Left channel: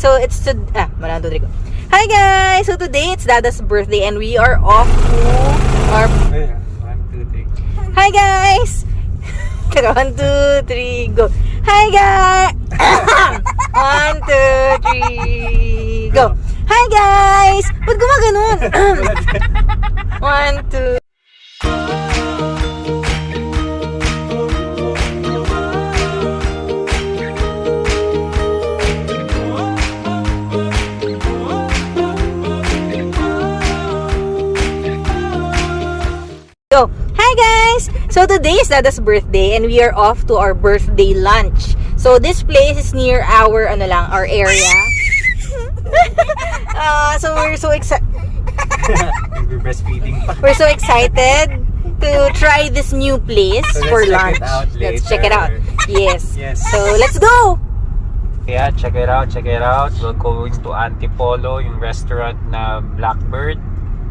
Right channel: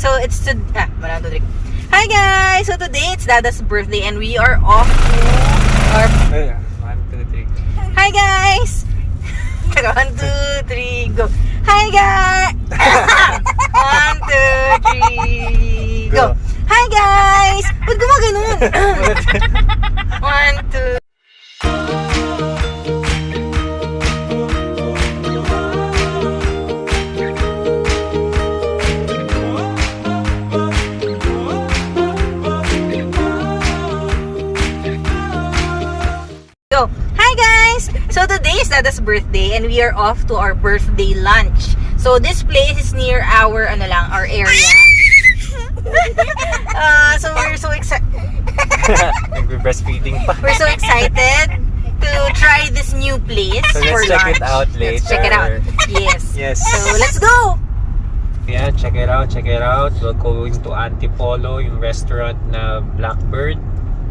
So it's to 1, 2, 3. Hi guys! So today it's Dada's birthday and we are off to our... 1, 2, 3. Hi guys! 1, 2, 3, go! Hi guys! 1, 2, 3, go! Hi guys! Ba't gumaganon? 1, 2... Hi guys! So today is Dada's birthday and we are off to our birthday lunch. So this place is near our our area. So we're so excited. We're breastfeeding pa. We're so excited to try this new place So for let's check lunch. it out Let's check it out. later. Yes. Yes. So let's go. Yeah, check it out, check it out. We're going to Antipolo, yung restaurant na Blackbird.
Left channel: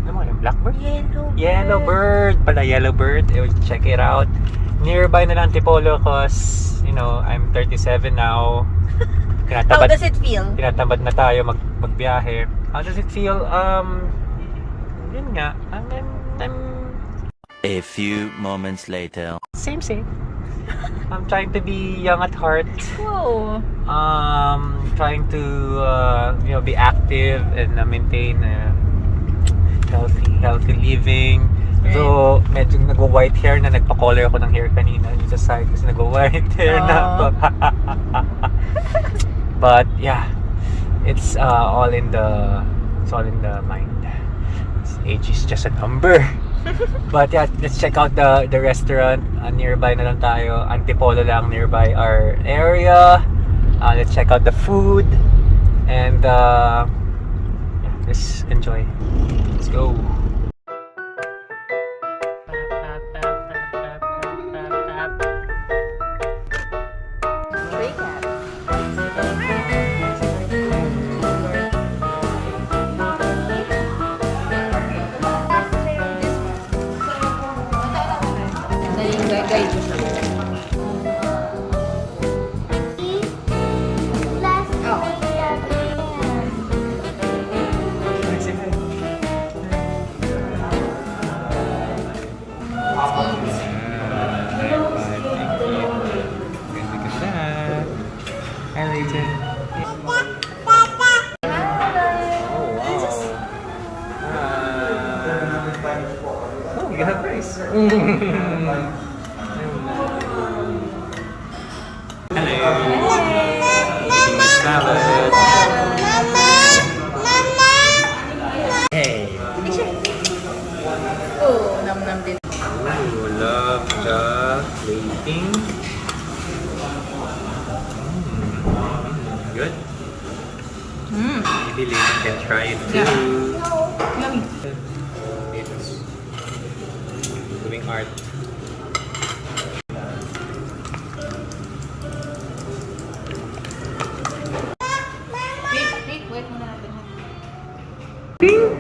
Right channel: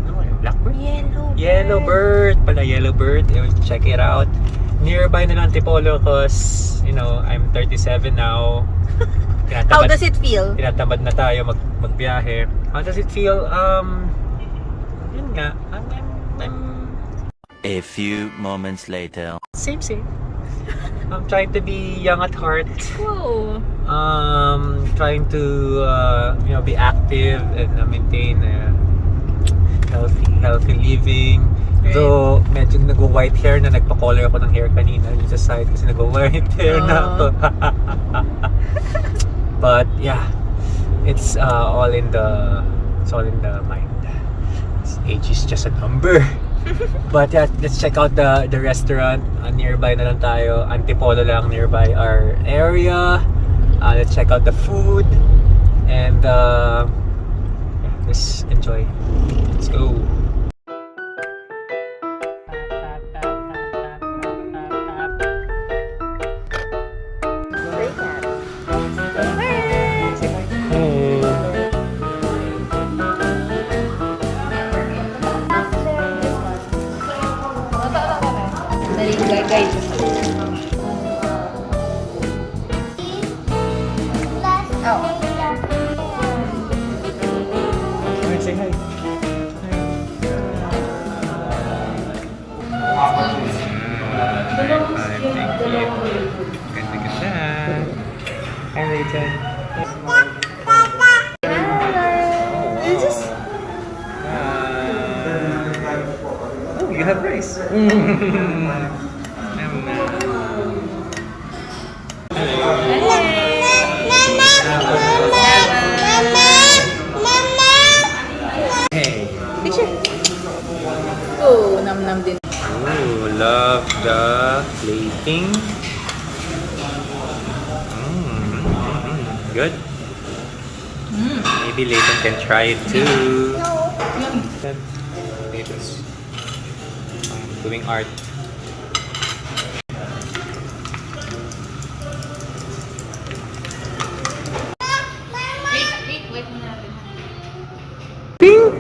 Ano mo yung Blackbird? Yellowbird pala, Yellowbird. Check it out. Nearby na lang Antipolo cause, you know, I'm 37 now. How does it feel? Tinatamad na tayo magbiyahe. How does it feel? Yun nga. I'm A few moments later. same. I'm trying to be young at heart. Whoa. Trying to, be active and maintain healthy living. Right. Though medyo nagwa-white hair na, nagpa-color ako ng hair kanina yung sa side kasi nagwa-white hair na ako. But yeah, it's all in the mind. Age is just a number. But yeah, let's check out the restaurant. Nearby na lang tayo. Antipolo lang, nearby our area. Let's check out the food and let's enjoy. Let's go. Say hi. Thank you. Ganda. Hi, Leighton. Oh, wow. Oh, you have rice. Hey. Salad. Hey. Oh, nam din. Ooh, love the plating. Good. Maybe Leighton can try it too. Yummy. Leighton's doing art. Wait muna natin. Ping!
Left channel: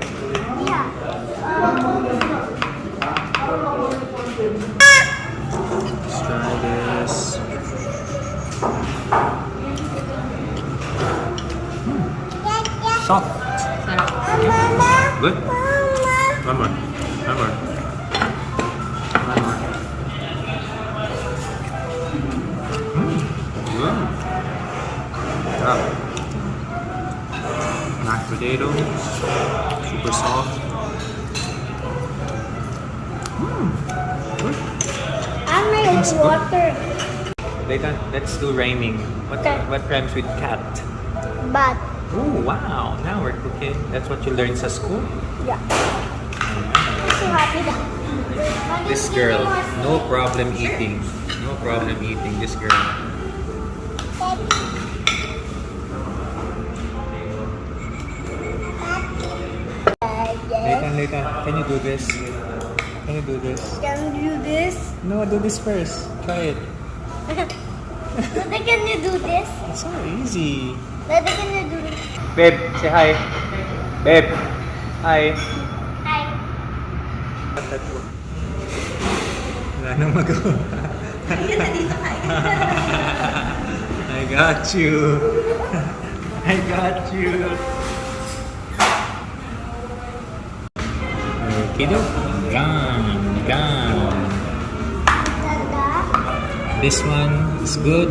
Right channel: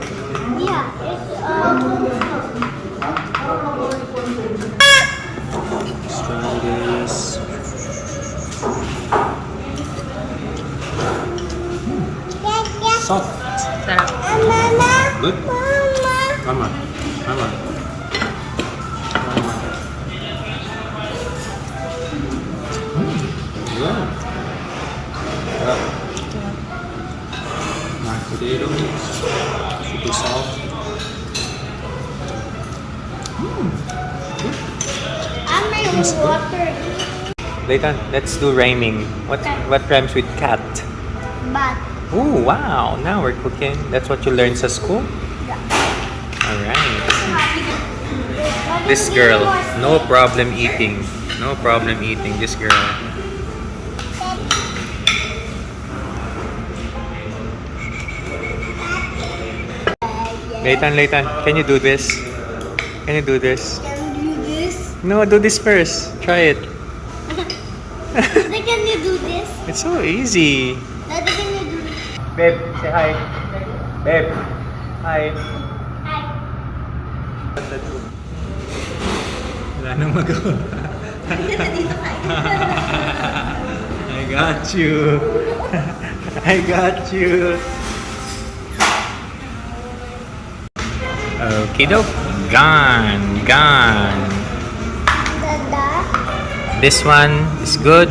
Let's try this. Soft. Sarap. Good. One more. Good. Mashed potatoes. Super soft. It's good. Leighton, let's do rhyming. What rhymes with cat? But Oh wow, now we're cooking. That's what you learned at school? yeah. Alright. This girl, no problem eating. No problem eating, this girl. Leighton, can you do this? Can you do this? Can you do this? No, do this first. Try it. Dada, can you do this? It's so easy. Dada, can you do this? Babe, say hi. Babe, hi. Hi. Wala nang magawa. I got you. I got you. Okay, dope. Gone. This one is good.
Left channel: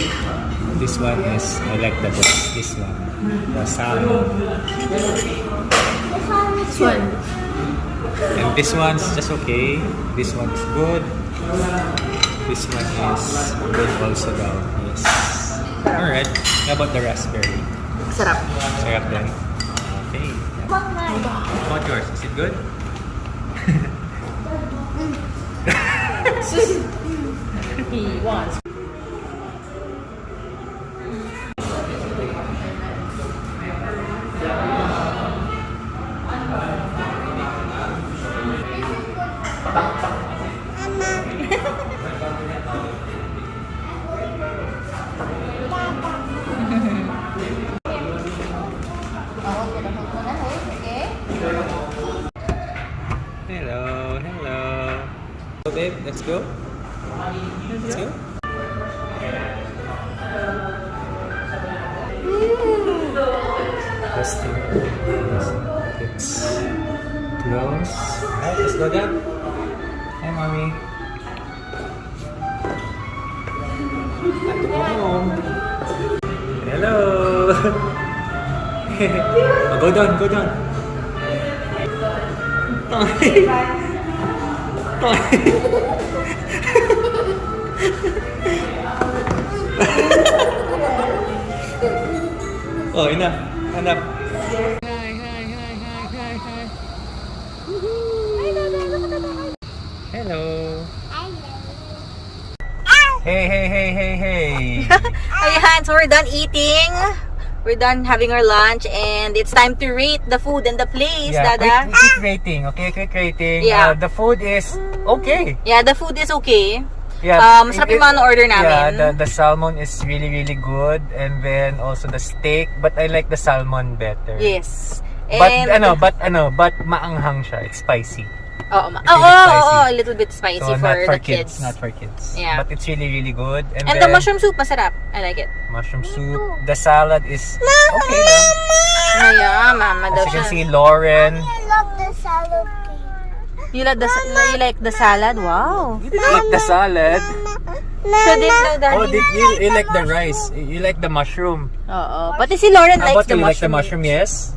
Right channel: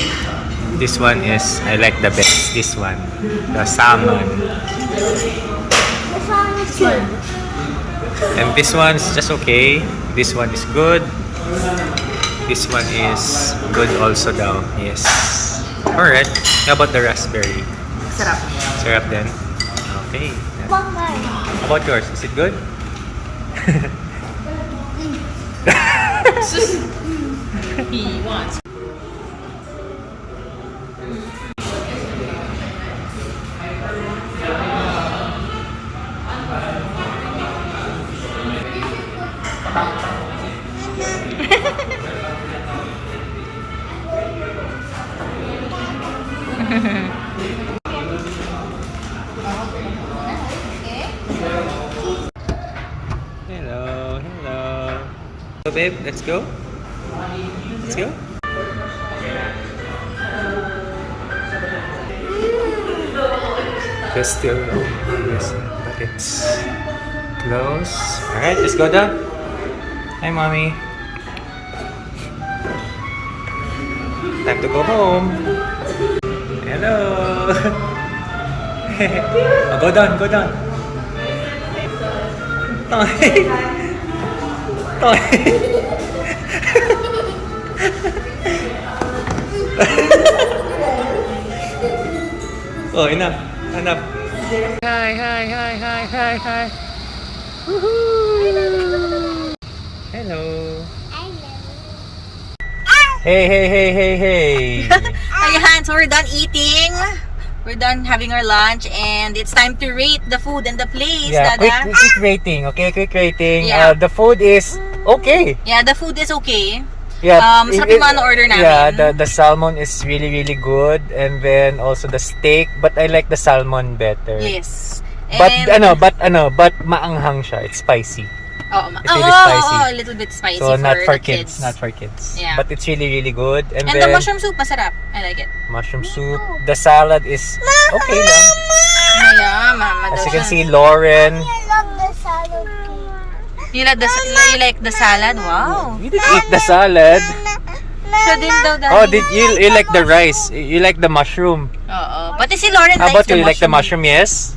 This one is, I like the best. This one. The salmon. And this one is just okay. This one is good. This one is good also daw. Yes. Alright. How about the raspberry? Sarap. Sarap din? Okay. How about yours? Is it good? He wants. Hello. So babe, let's go. Let's go. Just still yes, but it's close. Alright, let's go down. Hi mommy. Time to go home. Hello. Oh, go down. Oh, enough. Hi. Woohoo. Hello. Hey. Ayan, so we're done eating. We're done having our lunch and it's time to rate the food and the place, Dada. Quick rating, okay? Quick rating. Yeah. The food is okay. Yeah, the food is okay. Yeah. Masarap yung mga na-order namin. Yeah, the salmon is really good, and then also the steak, but I like the salmon better. Yes. But maanghang siya. It's spicy. Oh, It's really spicy. a little bit spicy So for not for the kids. Not for kids. Yeah. But it's really good. And And then the mushroom soup, masarap. I like it. mushroom soup. The salad is okay lang. Yeah, mama daw As you can siya. see, Lauren. I love the salad cake. You like the salad? Wow. You didn't eat the salad. Siya din daw, Daddy. Oh, you like the rice? You like the mushroom? Oo. Pati si Lauren How likes about the you like the mushroom. mushroom? Yes.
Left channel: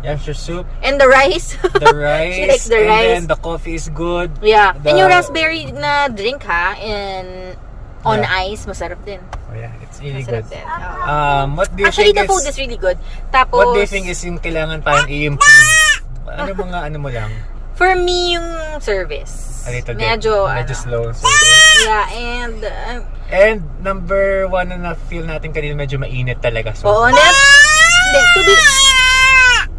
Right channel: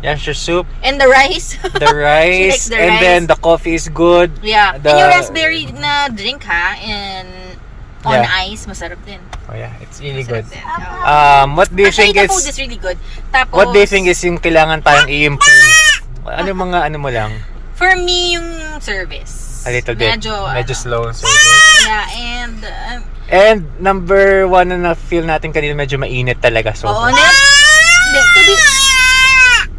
Yes, your soup. And the rice. The She rice. likes the and rice. then the coffee is good. Yeah. The- And yung raspberry na drink ha, and on Yeah. ice, masarap din. Oh yeah, it's really Masarap good. din. Oo. What do you Actually, think the food is? is really good. Tapos, What do you think is yung kailangan tayong i-improve? Ano mga ano mo lang? for me, yung service. A little bit. Medyo slow ang service. Yeah, and And number one na feel natin kanina medyo mainit talaga. oo, So, yes.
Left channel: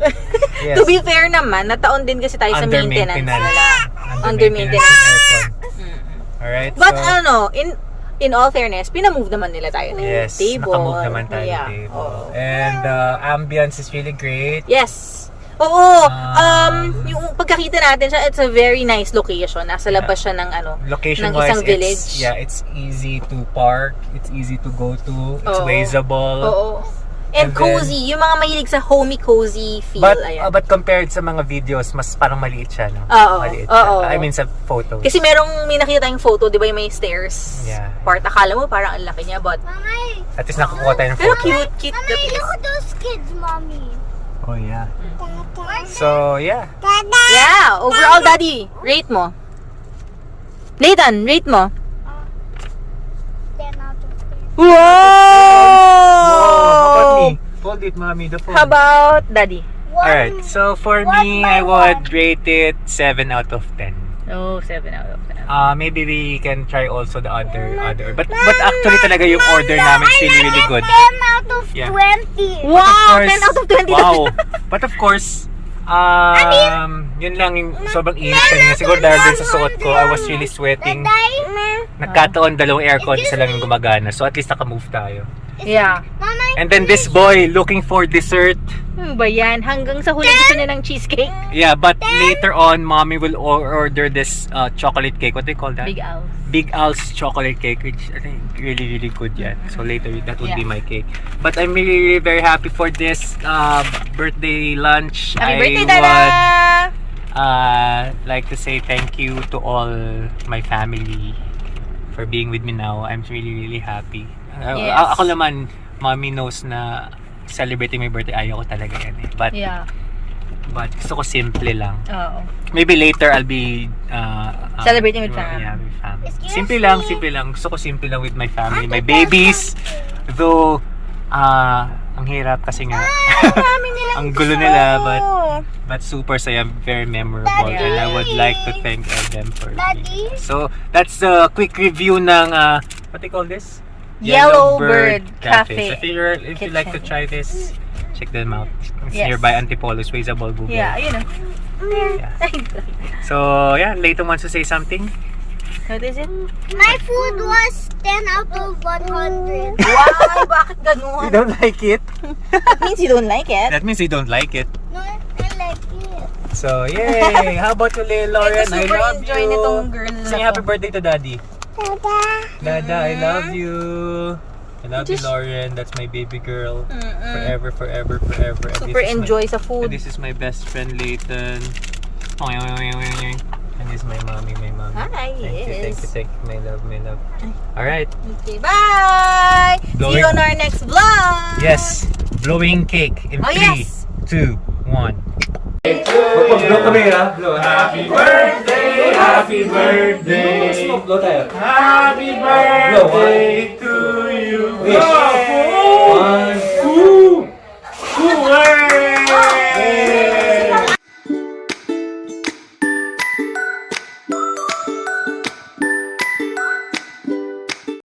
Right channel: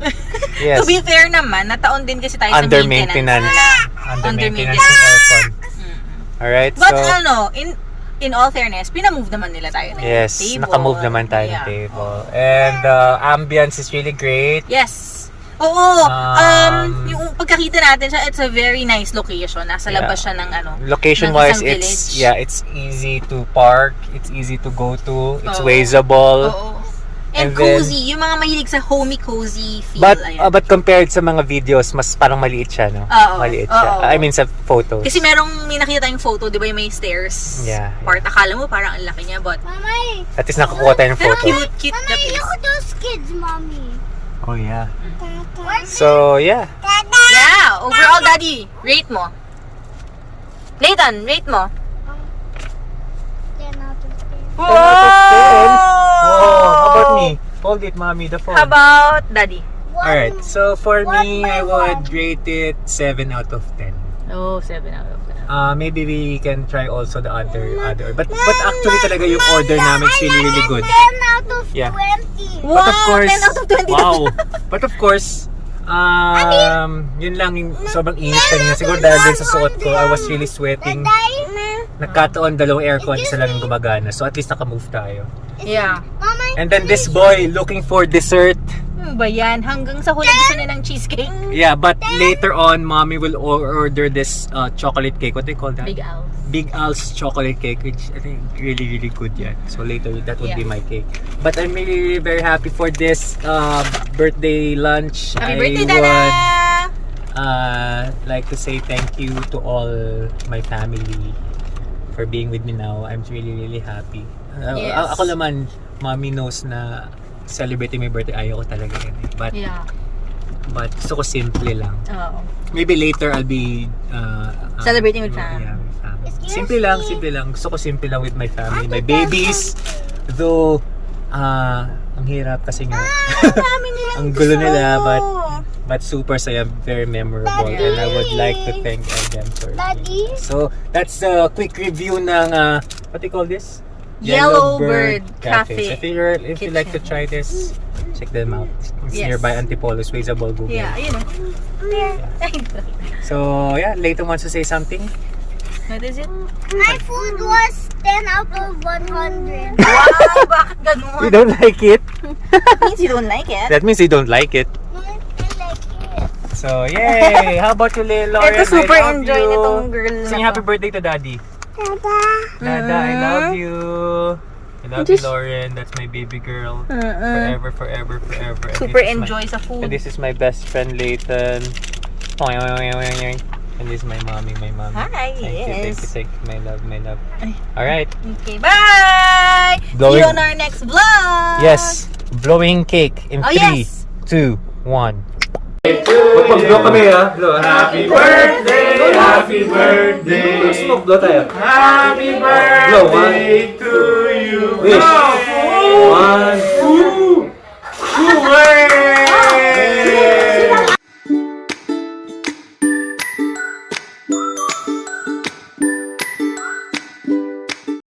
to be fair naman, nataon din kasi tayo sa Under maintenance maintenance. nila. Under maintenance ng aircon. Alright, But so in all fairness, pinamove naman nila tayo ng yes, table. naka-move naman tayo ng Yeah. table. Oo. And ambience is really great. Yes. Oo. Um, Yung pagkakita natin siya, it's a very nice location. Nasa labas siya ng Location-wise, ng isang village. it's easy to park, it's easy to go to, it's Oo. wazeable. Oo. And And then- cozy. Yung mga mahilig sa homey cozy feel. Ayan. But compared sa mga videos, mas parang maliit siya, no? Oo. Maliit siya. Oo. I mean, sa photos. Kasi may nakita tayong photo, di ba yung may stairs Yeah. part. Akala mo parang ang laki niya, but Mommy, At least nakukuha tayo ng pero photo. cute the Mommy, place. look at those kids, Mommy. Oh, yeah. So, yeah. Yeah, overall, Daddy, rate mo. Leighton, rate mo. 10 out of 10. Oh, how about me? Hold it, mommy, the phone. How about Daddy? Alright, so for me, I would rate it 7 out of 10. Oh, 7 out of 10. Maybe we can try also the other. But actually talaga yung order namin is really good. 10 out of Yeah. 20. But of Wow, course, 10 out of 20. Wow. But of course, yun lang yung sobrang init kanina. Siguro dahil din sa suot ko, I was really sweating. Nagkataon dalawang aircon, isa lang yung gumagana. So at least naka-move tayo. Yeah. And then this boy looking for dessert. Ano ba yan? Hanggang sa huli gusto niya ng cheesecake. Yeah, but later on, mommy will order this chocolate cake. What do you call that? Big Al's. Big Al's chocolate cake, which I think really, really good yan. So later, that would be Yeah. my cake. But I'm really, really very happy for this birthday lunch. Happy birthday, I Dada! would like to say thank you to all my family for being with me now. I'm really, really happy. Yes. Ako naman, mommy knows na celebrating my birthday, ayaw ko talaga yan eh. But, Yeah. but gusto ko simple lang. Oo. Maybe later I'll be Celebrating with family. Yeah, with family. Simple lang, simple lang. Gusto ko simple lang with my family, my babies. Though, ang hirap kasi nga. Dami nilang Ang gulo gusto. nila, but super saya, very memorable. And I would like to thank all them for being. So, that's the quick review ng, what do you call this? Yellowbird Cafe. So if you like to try this, check them out. It's Yes. nearby Antipolo, Swayzable, Google. Yeah, ayun o. So, yeah, Leighton wants to say something. What is it? My food was 10 out of 100. Wow, bakit ganun? You don't like it? That means you don't like it. That means you don't like it. No, I like it. So, yay! How about you, Lauren? Ito super I love enjoy you. nitong girl na Sing to. happy birthday to Daddy. Dada, I love you. I love you, Lauren. That's my baby girl. Forever, forever, forever. And Super this is enjoy sa And food. this is my best friend, Leighton. And this is my mommy, Hi, Thank yes. you, my love, my love. Alright. Okay, bye! See Blowing- you on our next vlog! Yes, blowing cake in Oh, 3, yes. 2, 1. Mag-blow kami ha. Blow. Happy birthday! Happy birthday! Blow tayo. Happy birthday to you! Wish!